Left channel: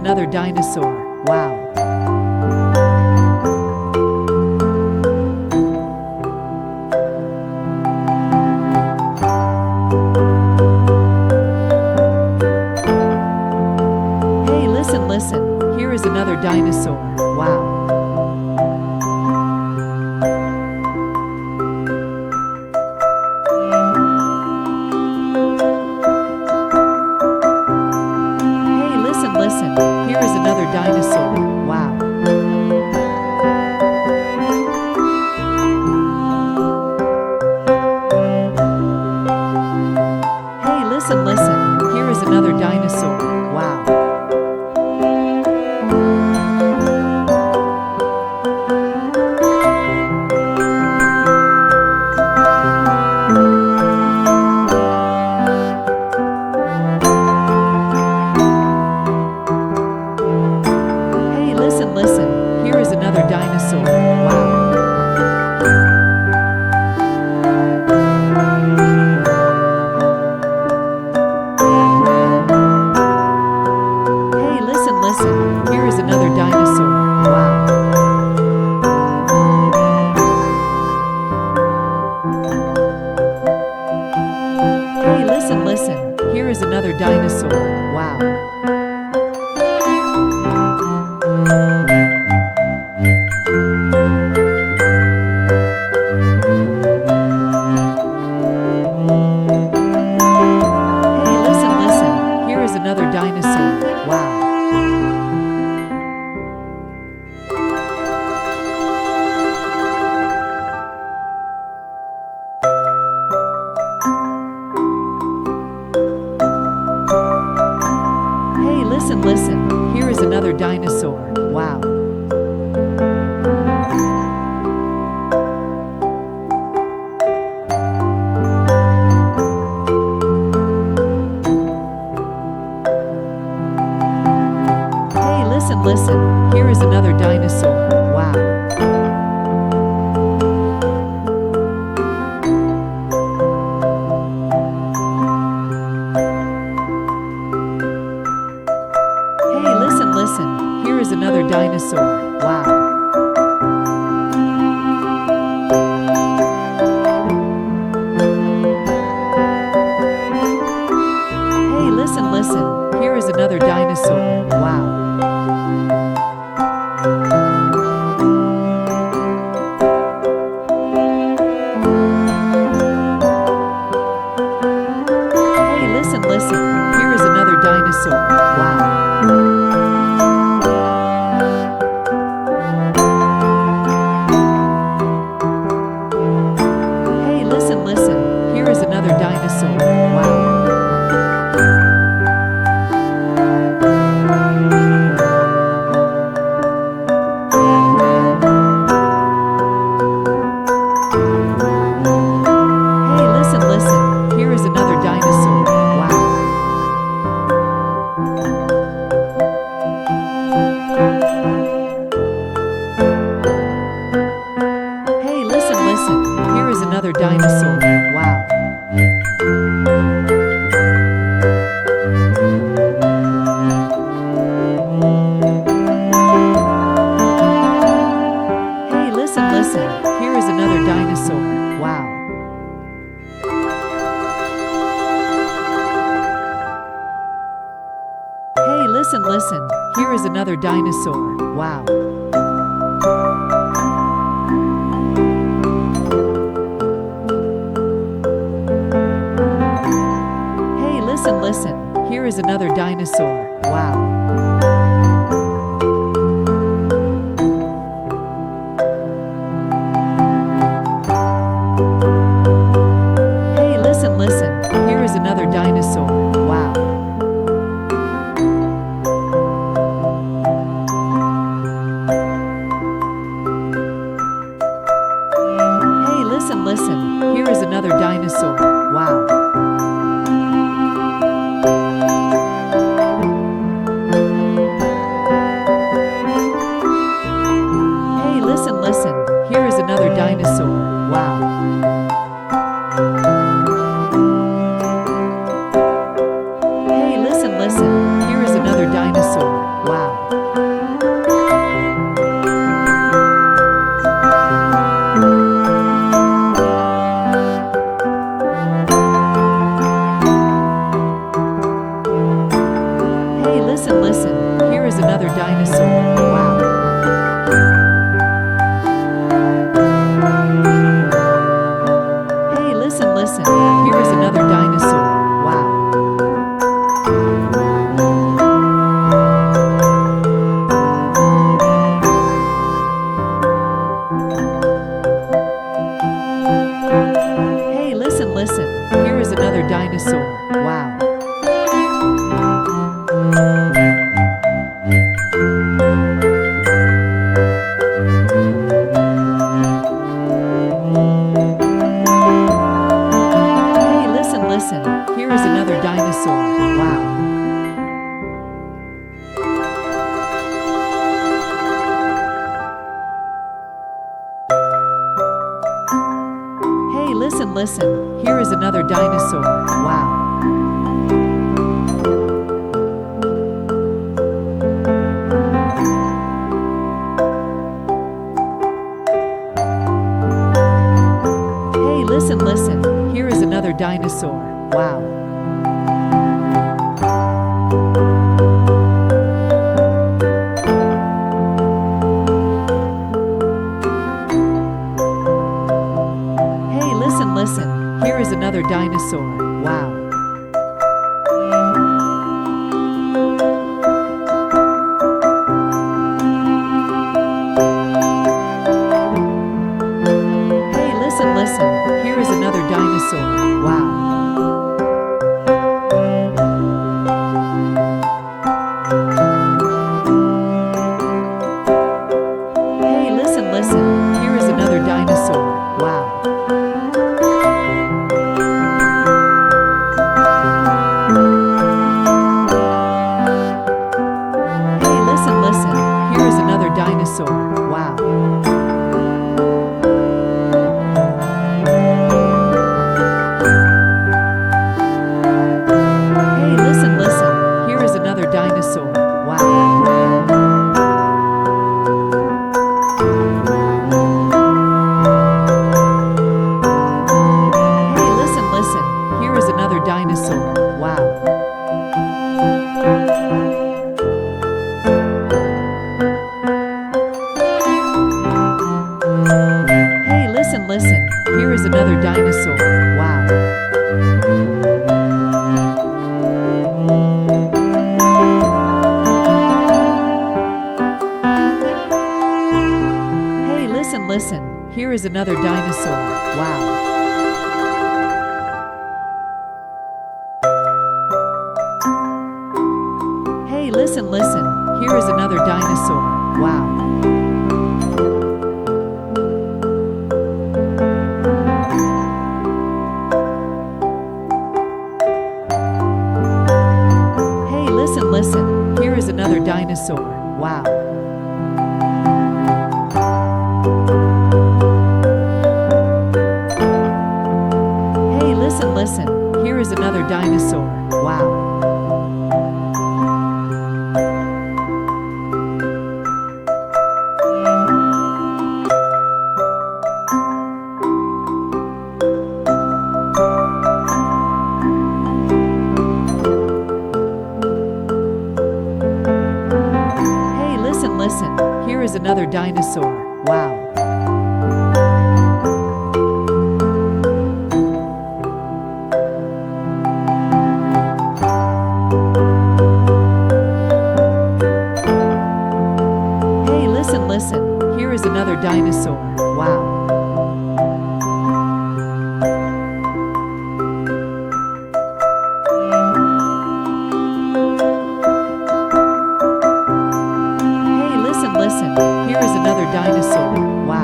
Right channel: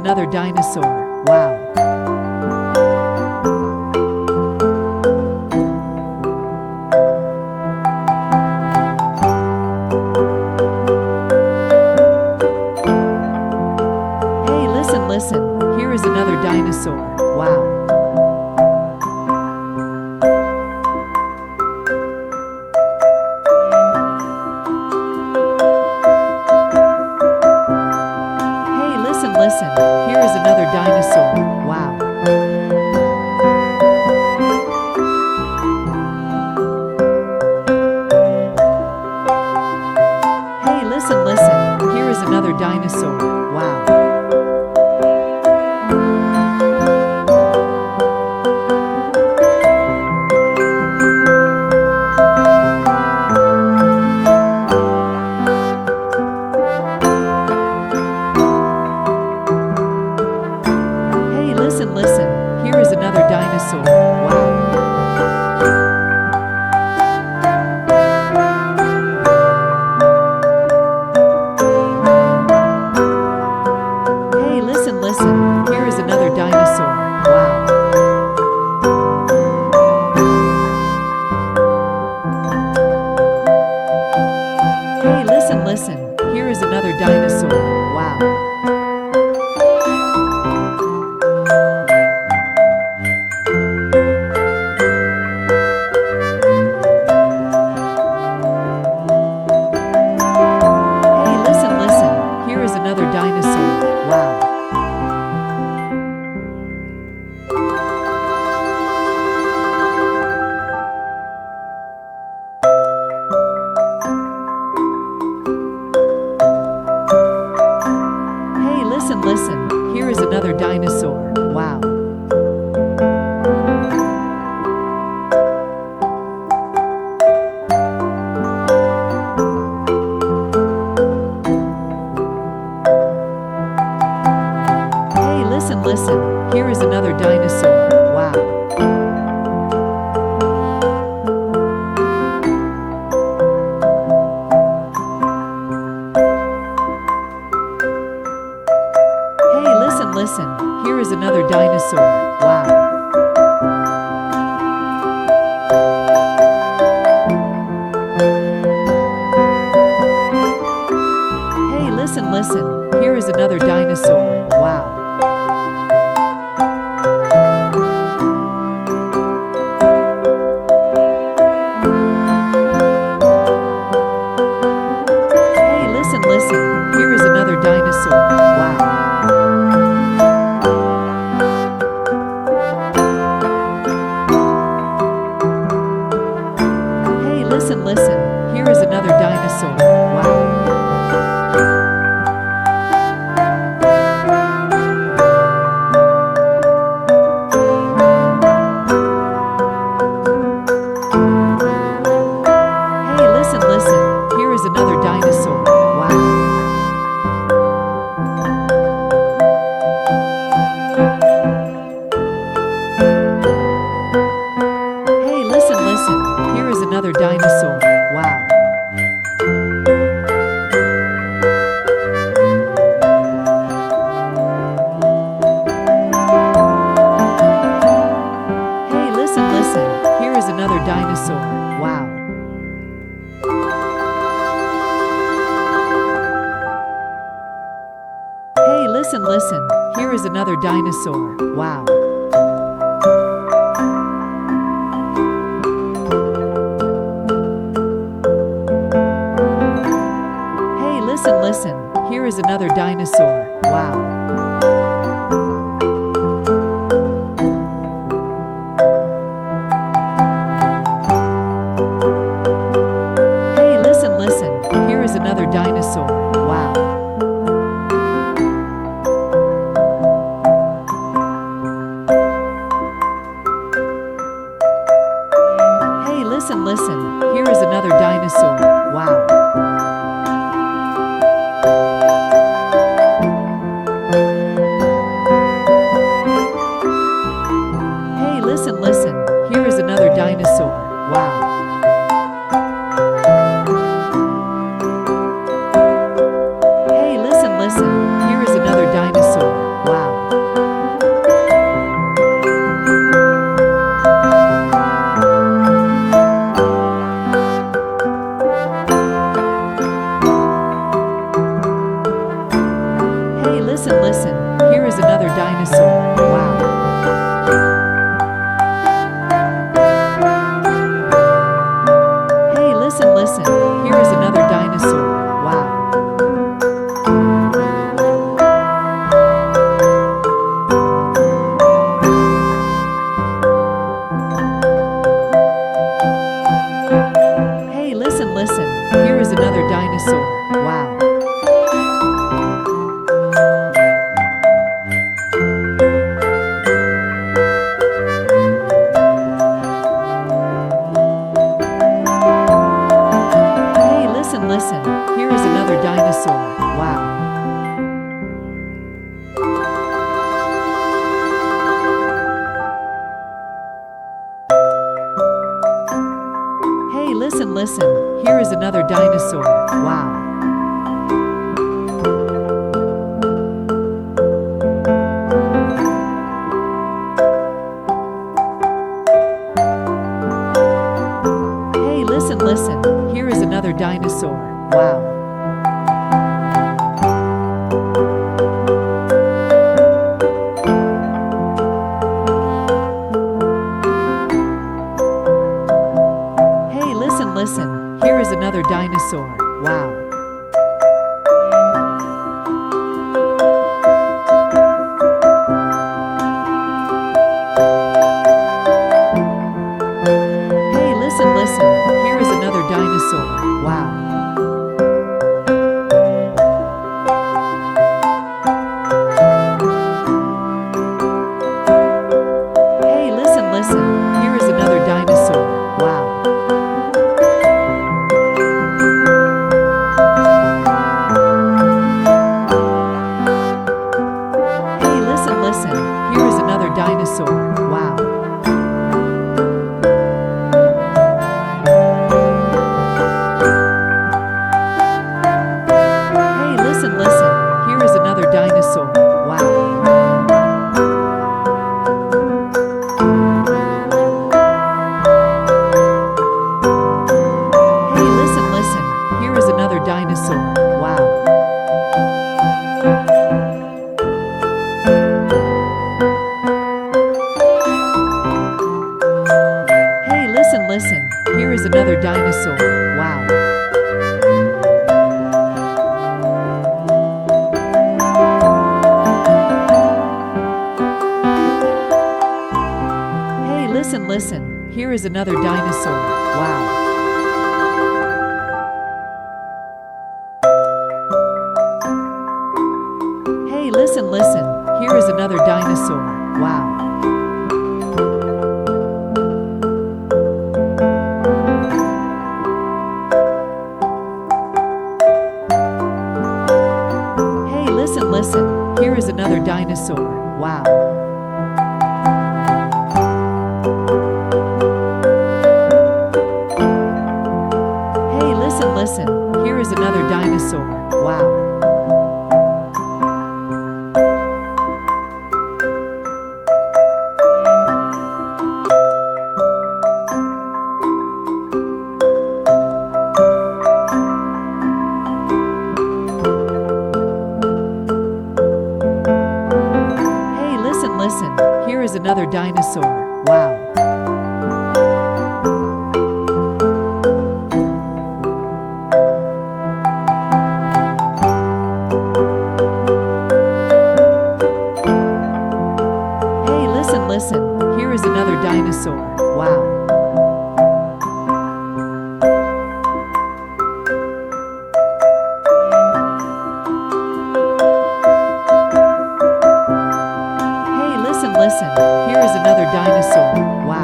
another dinosaur. Wow. Hey, listen. Here is another dinosaur. Wow. Listen, here is another dinosaur. Wow. Hey, listen, here is another dinosaur. Wow. Listen, here is another dinosaur. Wow. Hey, listen, here is another dinosaur. Wow. Hey, listen, here is another dinosaur. Wow. Here is another dinosaur. Wow. Hey, listen, here is another dinosaur. Wow. Listen, here is another dinosaur. Wow. Hey, listen, here is another dinosaur. Wow. Hey, listen, here is another dinosaur. Wow. Listen, here is another dinosaur. Wow. Hey, listen, here is another dinosaur. Wow. Hey, listen, here is another dinosaur. Wow. Hey, listen, here is another dinosaur. Wow. Hey, listen, here is another dinosaur. Wow. Hey, listen, here is another dinosaur. Wow. Hey, listen, here is another dinosaur. Wow. Hey, listen, here is another dinosaur. Wow. Listen, here is another dinosaur. Wow. Hey, listen, here is another dinosaur. Wow. Hey, listen, here is another dinosaur. Wow. dinosaur. Wow. Hey, listen, listen. Here is another dinosaur. Wow. Hey, listen, listen. Here is another dinosaur. Wow. Hey, listen, listen. Here is another dinosaur. Wow. Hey, listen, listen. Here is another dinosaur. Wow. Hey, listen, listen. Here is another dinosaur. Wow. Hey, listen, listen. Here is another dinosaur. Wow. Hey, listen, listen. Here is another dinosaur. Wow. Hey, listen, listen. Here is another dinosaur. Wow. Hey, listen, listen. Here is another dinosaur. Wow. Hey, listen, listen. Here is another dinosaur. Wow. Hey, listen, listen. Here is another dinosaur. Wow. Hey, listen, listen. Here is another dinosaur. Wow. Hey, listen, listen. Here is another dinosaur. Wow. Hey, listen, listen. Here is another dinosaur. Wow. Hey, listen, listen. Here is another dinosaur. Wow. Hey, listen, listen. Here is another dinosaur. Wow. Hey, listen, listen. Here is another dinosaur. Wow.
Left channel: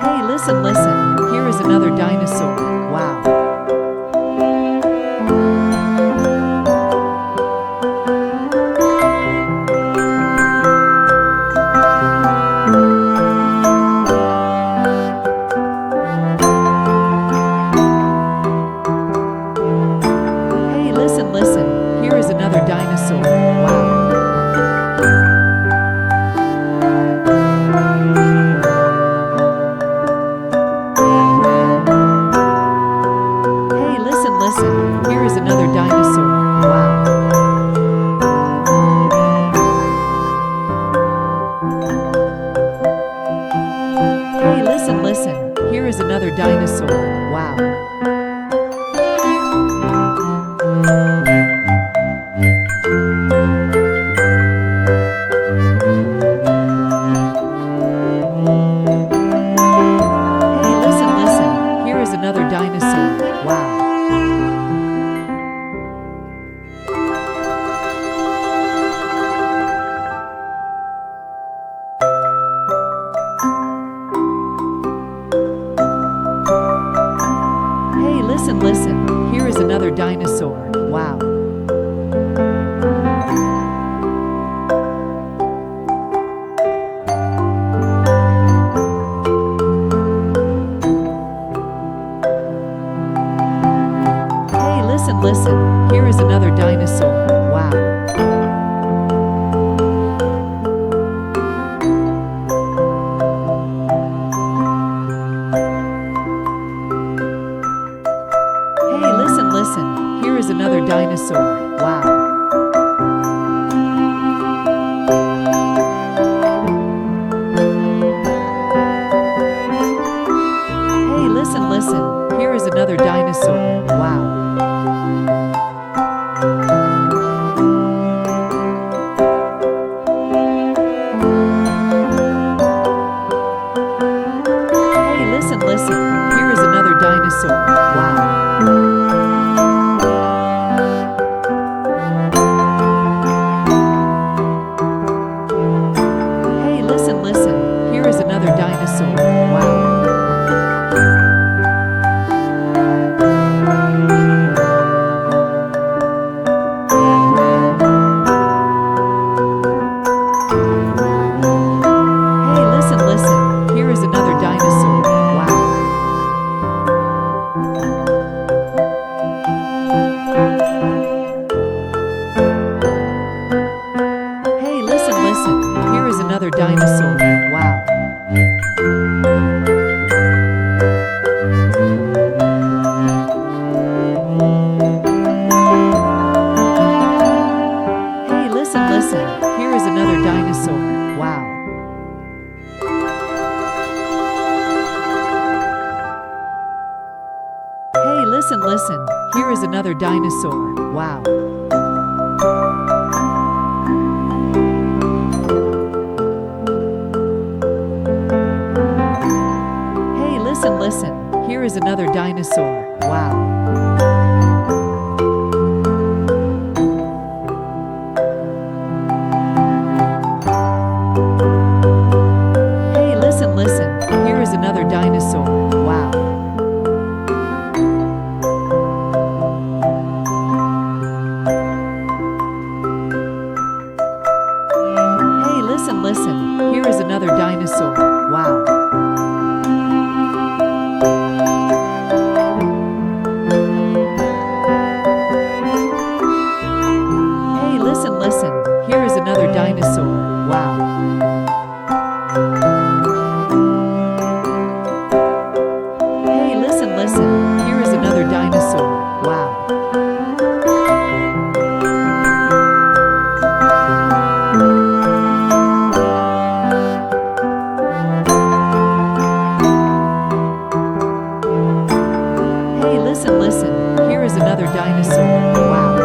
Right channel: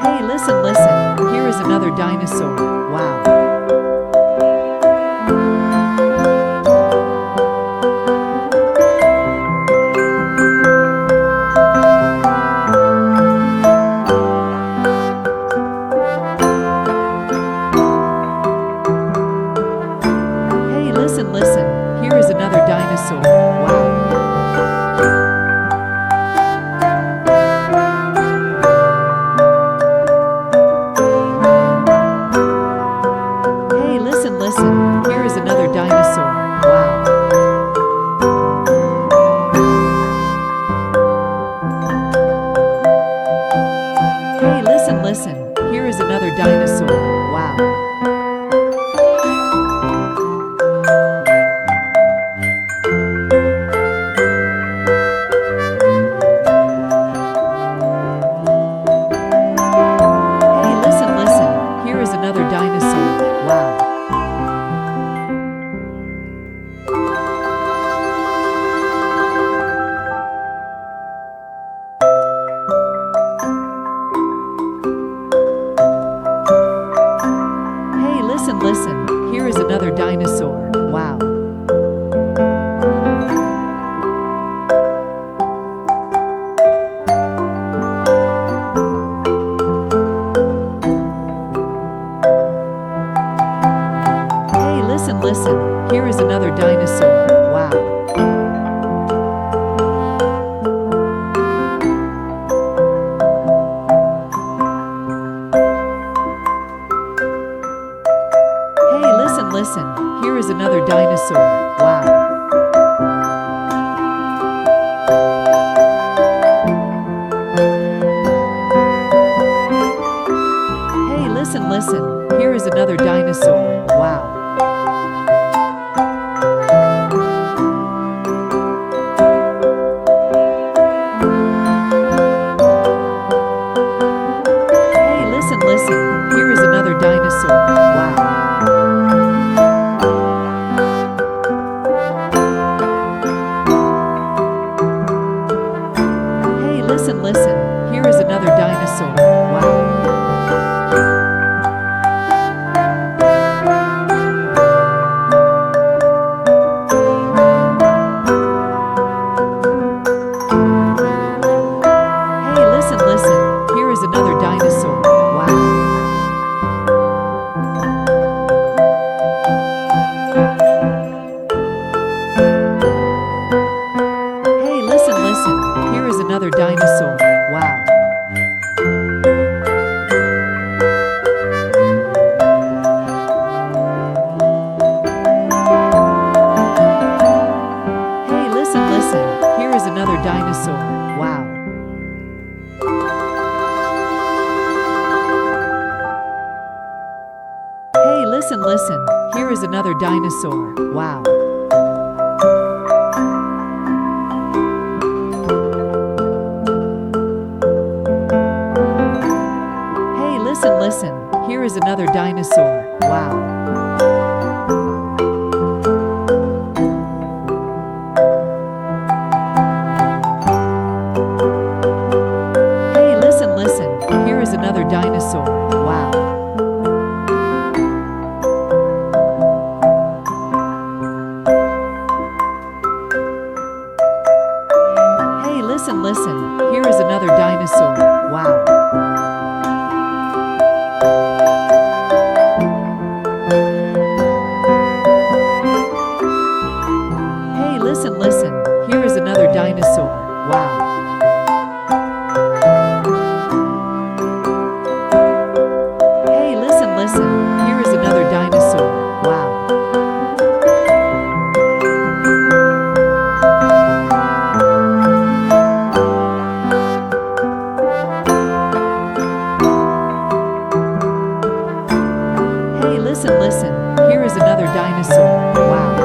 Hey, listen, listen. Here is another dinosaur. Wow. Hey, listen, listen. Here is another dinosaur. Wow. Hey, listen, listen. Here is another dinosaur. Wow. Hey, listen, listen. Here is another dinosaur. Wow. listen, listen, here is another dinosaur. Wow. Hey, listen, listen, here is another dinosaur. Wow. Hey, listen, listen, here is another dinosaur. Wow. Hey, listen, listen, here is another dinosaur. Wow. Hey, listen, listen, here is another dinosaur. Wow. Hey, listen, listen, here is another dinosaur. Wow. Hey, listen, listen, here is another dinosaur. Wow. Hey, listen, listen, here is another dinosaur. Wow. Hey, listen, listen, here is another dinosaur. Wow. Hey, listen, listen, here is another dinosaur. Wow. Hey, listen, listen, here is another dinosaur. Wow. Hey, listen, listen, here is another dinosaur. Wow. Hey, listen, listen, here is another dinosaur. Wow. Hey, listen, listen, here is another dinosaur. Wow. Hey, listen, listen, here is another dinosaur. Wow. Hey, listen, listen, here is another dinosaur. Wow.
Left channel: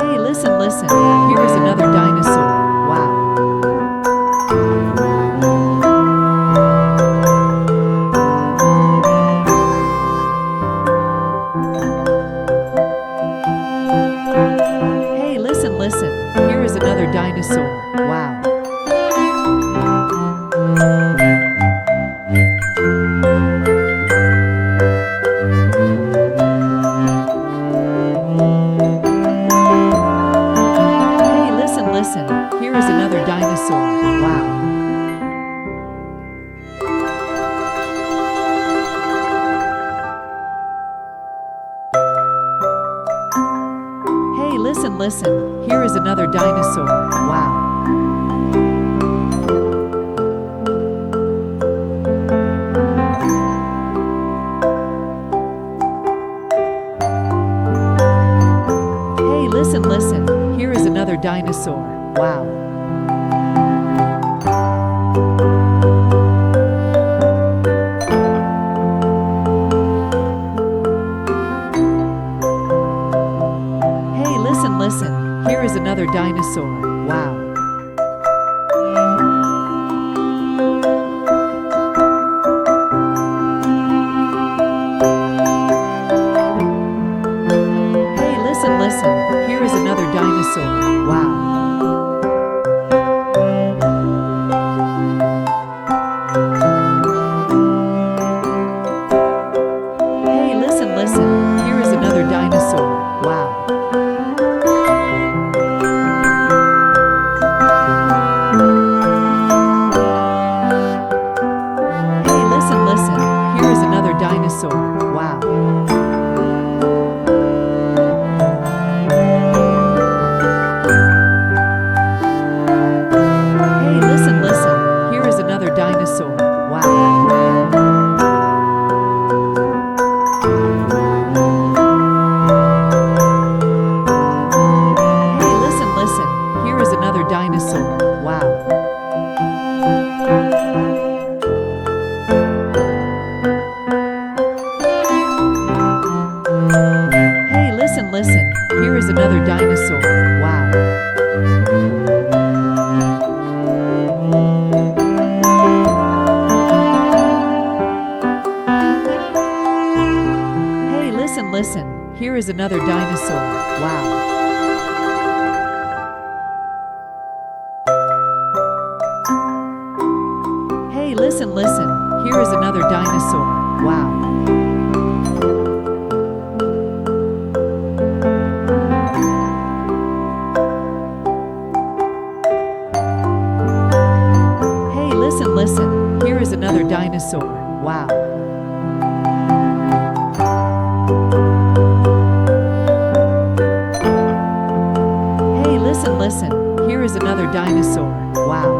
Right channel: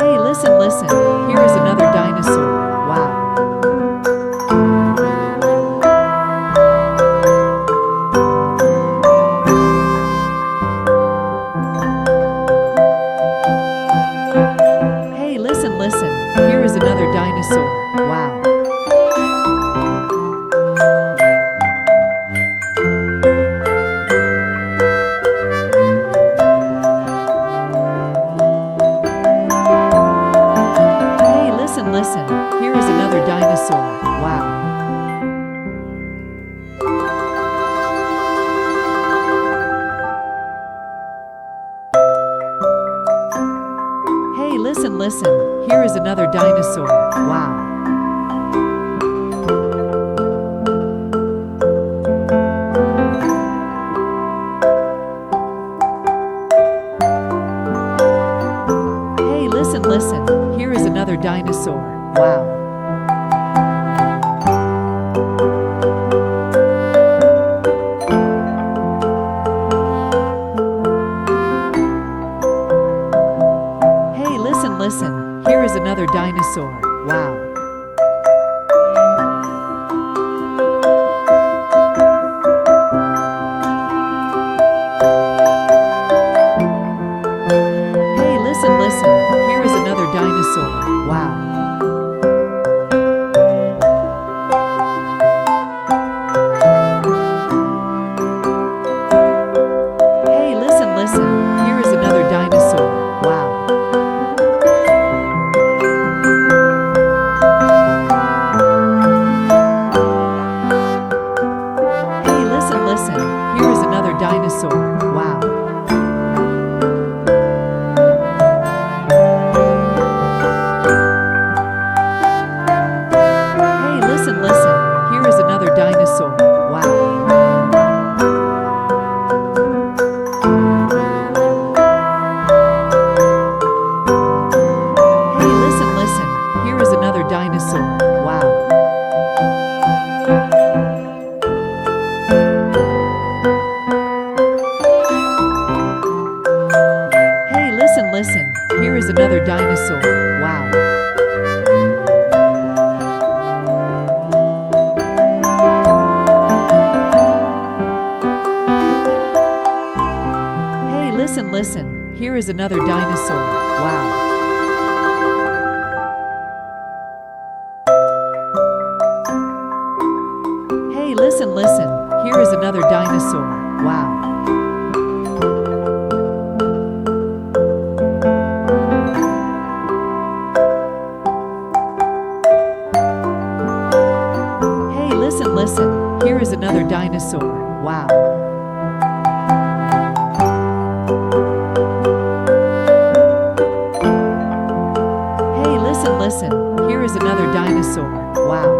Hey, listen, listen, here is another dinosaur. Wow. Hey, listen, listen, here is another dinosaur. Wow. Hey, listen, listen, here is another dinosaur. Wow. Hey, listen, listen, here is another dinosaur. Wow. Hey, listen, listen, here is another dinosaur. Wow. Hey, listen, listen, here is another dinosaur. Wow. Hey, listen, listen, here is another dinosaur. Wow. listen, here is another dinosaur. Wow. Hey, listen, listen, here is another dinosaur. Wow. Hey, listen, listen, here is another dinosaur. Wow. Hey, listen, listen, here is another dinosaur. Wow. Hey, listen, listen, here is another dinosaur. Wow. Hey, listen, listen, here is another dinosaur. Wow. Hey, listen, listen, here is another dinosaur. Wow. Hey, listen, listen, here is another dinosaur. Wow.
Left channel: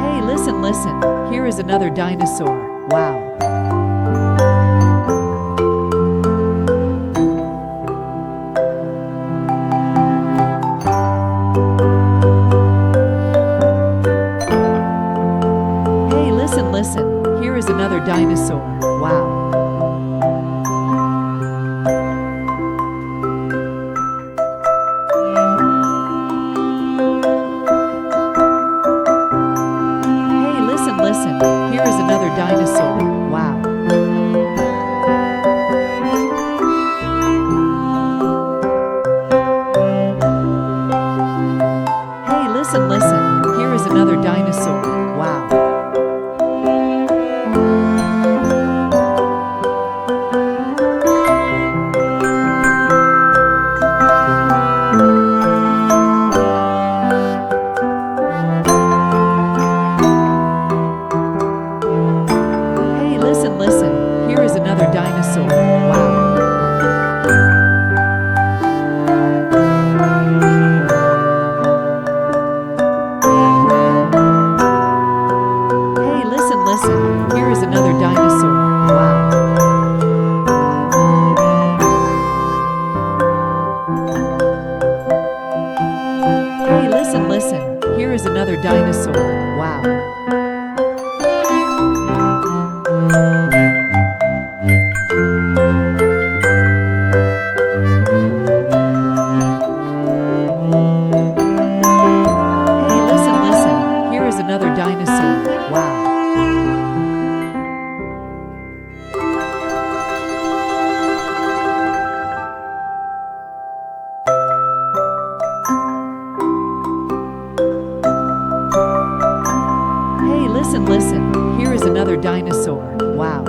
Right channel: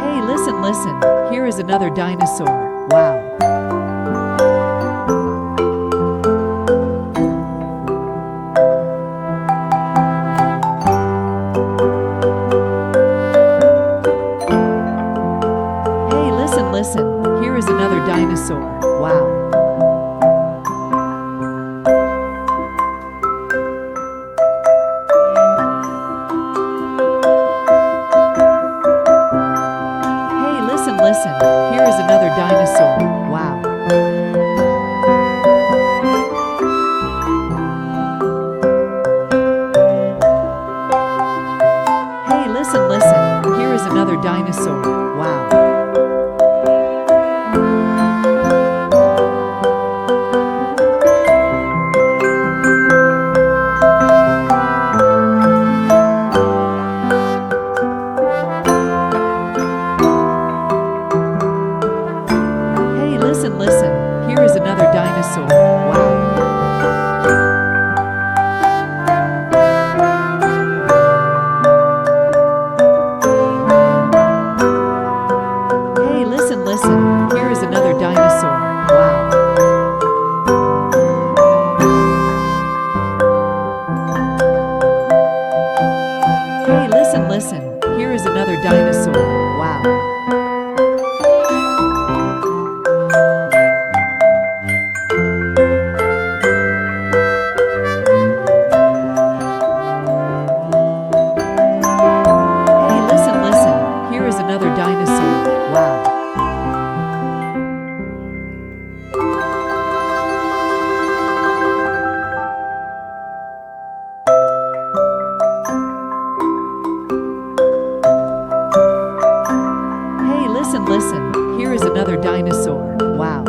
Hey, listen, listen, here is another dinosaur. Wow. Hey, listen, listen, here is another dinosaur. Wow. Hey, listen, listen, here is another dinosaur. Wow. Hey, listen, listen, here is another dinosaur. Wow. Hey, listen, listen, here is another dinosaur. Wow. Hey, listen, listen, here is another dinosaur. Wow. Hey, listen, listen, here is another dinosaur. Wow. Hey, listen, listen, here is another dinosaur. Wow. Hey, listen, listen, here is another dinosaur. Wow.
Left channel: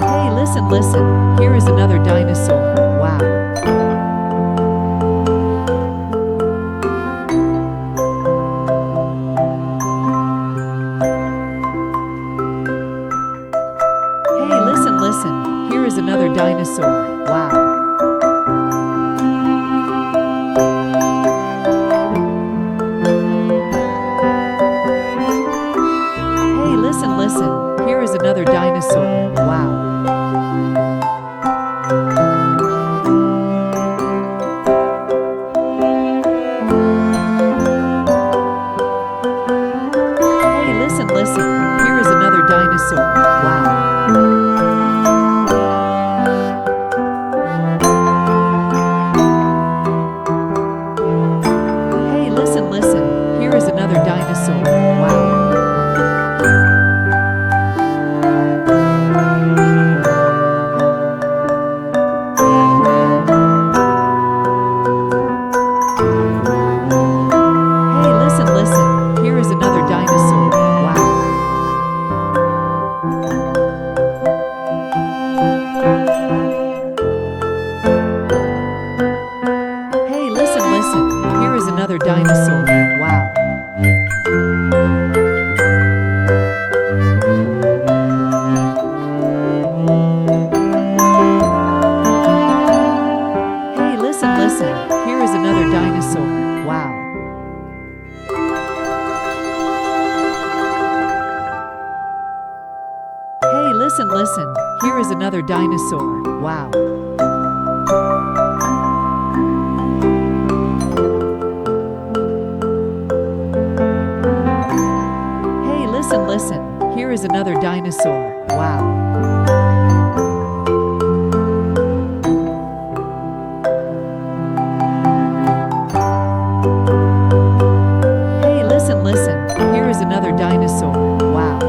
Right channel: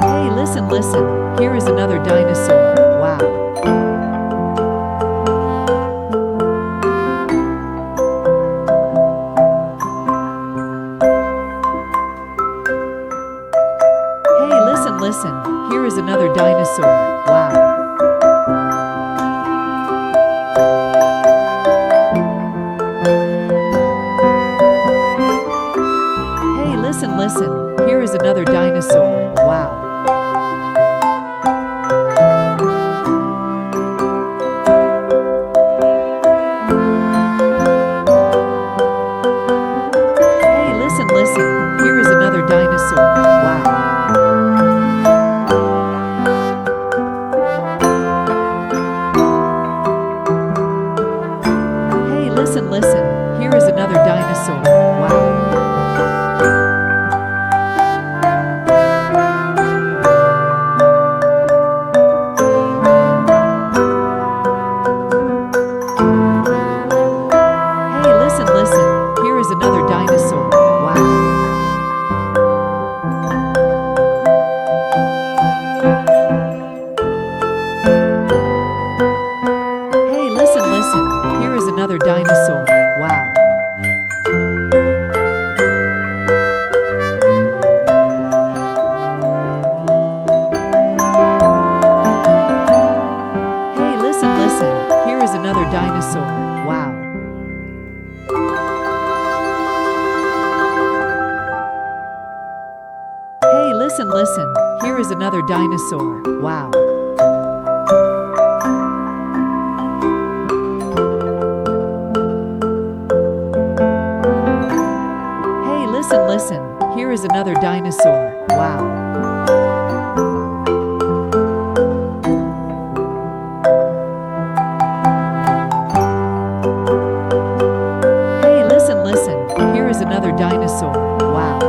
Hey, listen, listen, here is another dinosaur. Wow. Hey, listen, listen, here is another dinosaur. Wow. Hey, listen, listen, here is another dinosaur. Wow. Hey, listen, listen, here is another dinosaur. Wow. Hey, listen, listen, here is another dinosaur. Wow. listen, listen. Here is another dinosaur. Wow. Hey, listen, listen. Here is another dinosaur. Wow. Hey, listen, listen. Here is another dinosaur. Wow.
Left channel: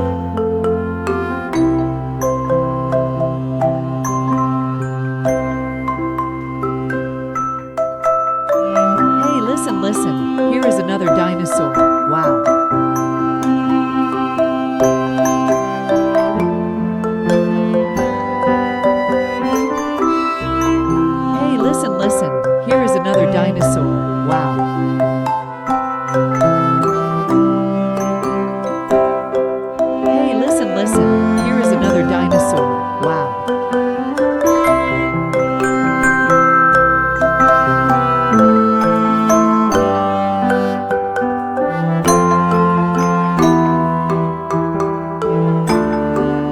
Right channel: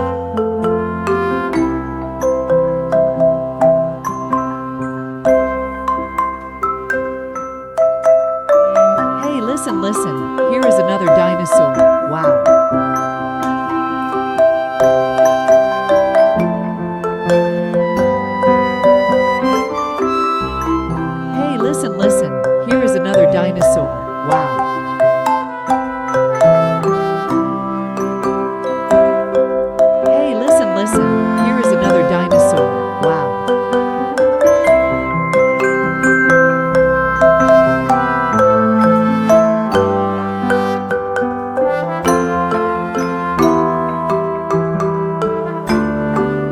Hey, listen, listen. Here is another dinosaur. Wow. Hey, listen, listen. Here is another dinosaur. Wow. Hey, listen, listen. Here is another dinosaur. Wow.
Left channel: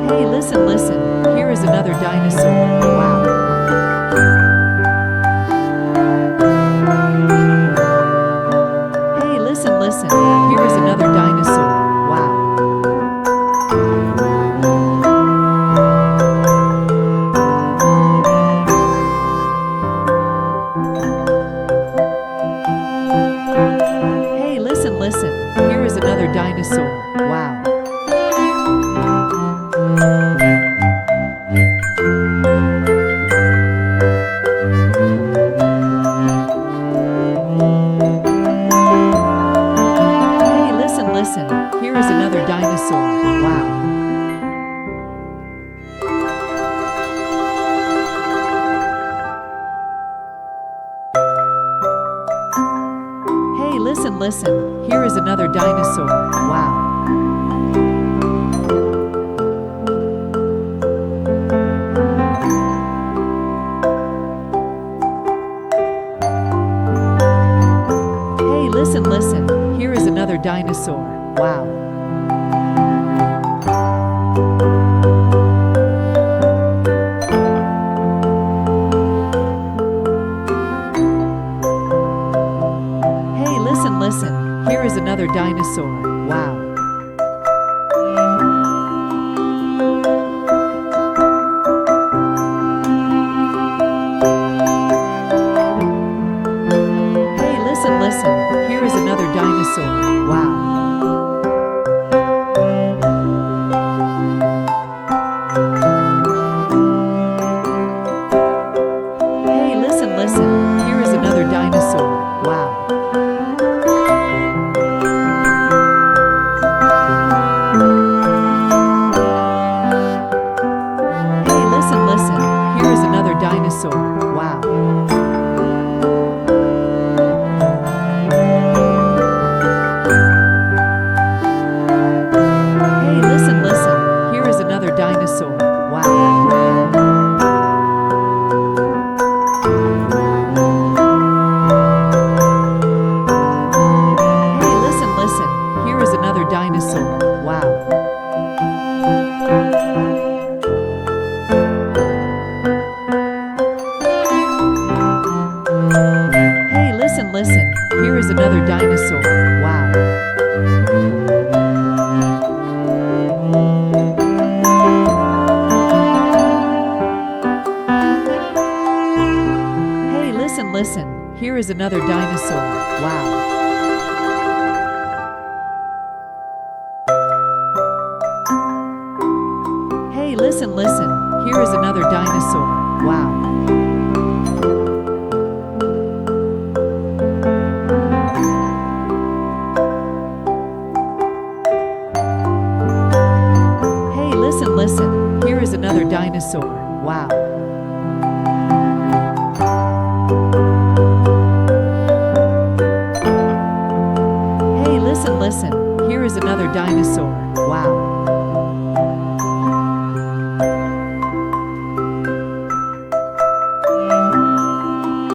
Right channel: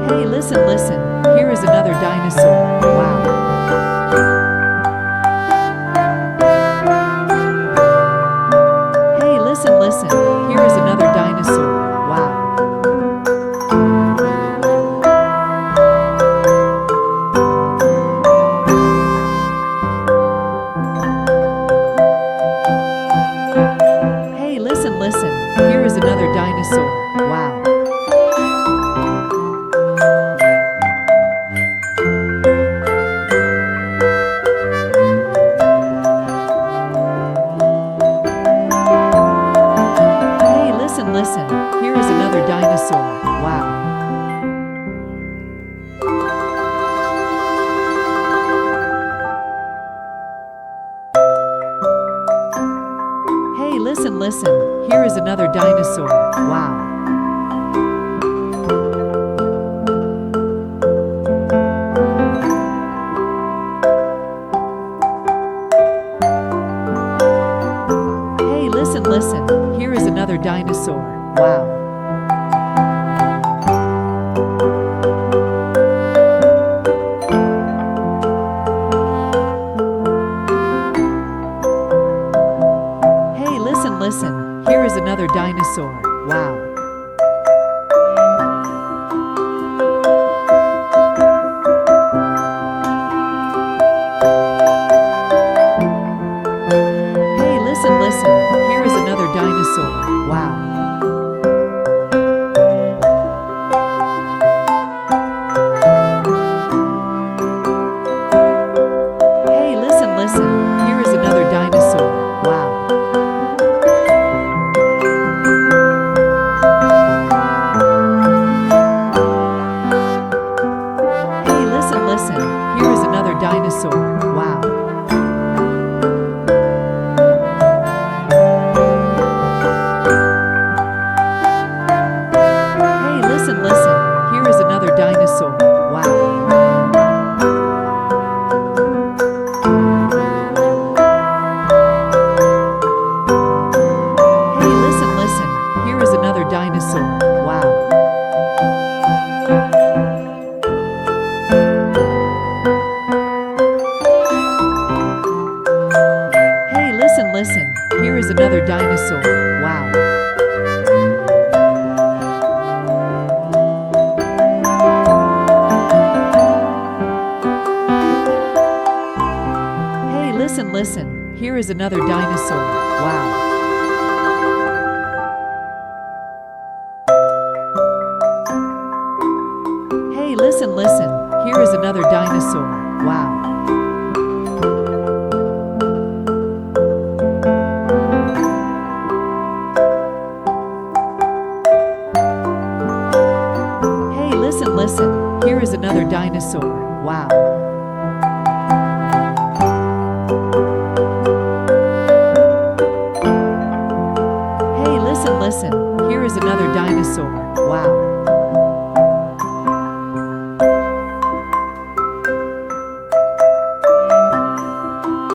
Hey, listen, listen. Here is another dinosaur. Wow. Hey, listen, listen. Here is another dinosaur. Wow. Hey, listen, listen. Here is another dinosaur. Wow. Hey, listen, listen. Here is another dinosaur. Wow. Hey, listen, listen. Here is another dinosaur. Wow. Hey, listen, listen. Here is another dinosaur. Wow. Hey, listen, listen. Here is another dinosaur. Wow. Hey, listen, listen. Here is another dinosaur. Wow. Hey, listen, listen. Here is another dinosaur. Wow. Hey, listen, listen. Here is another dinosaur. Wow. Hey, listen, listen. Here is another dinosaur. Wow. Hey, listen, listen. Here is another dinosaur. Wow. Hey, listen, listen. Here is another dinosaur. Wow. Hey, listen, listen. Here is another dinosaur. Wow. Hey, listen, listen. Here is another dinosaur. Wow. Hey, listen, listen. Here is another dinosaur. Wow. Hey, listen, listen. Here is another dinosaur. Wow.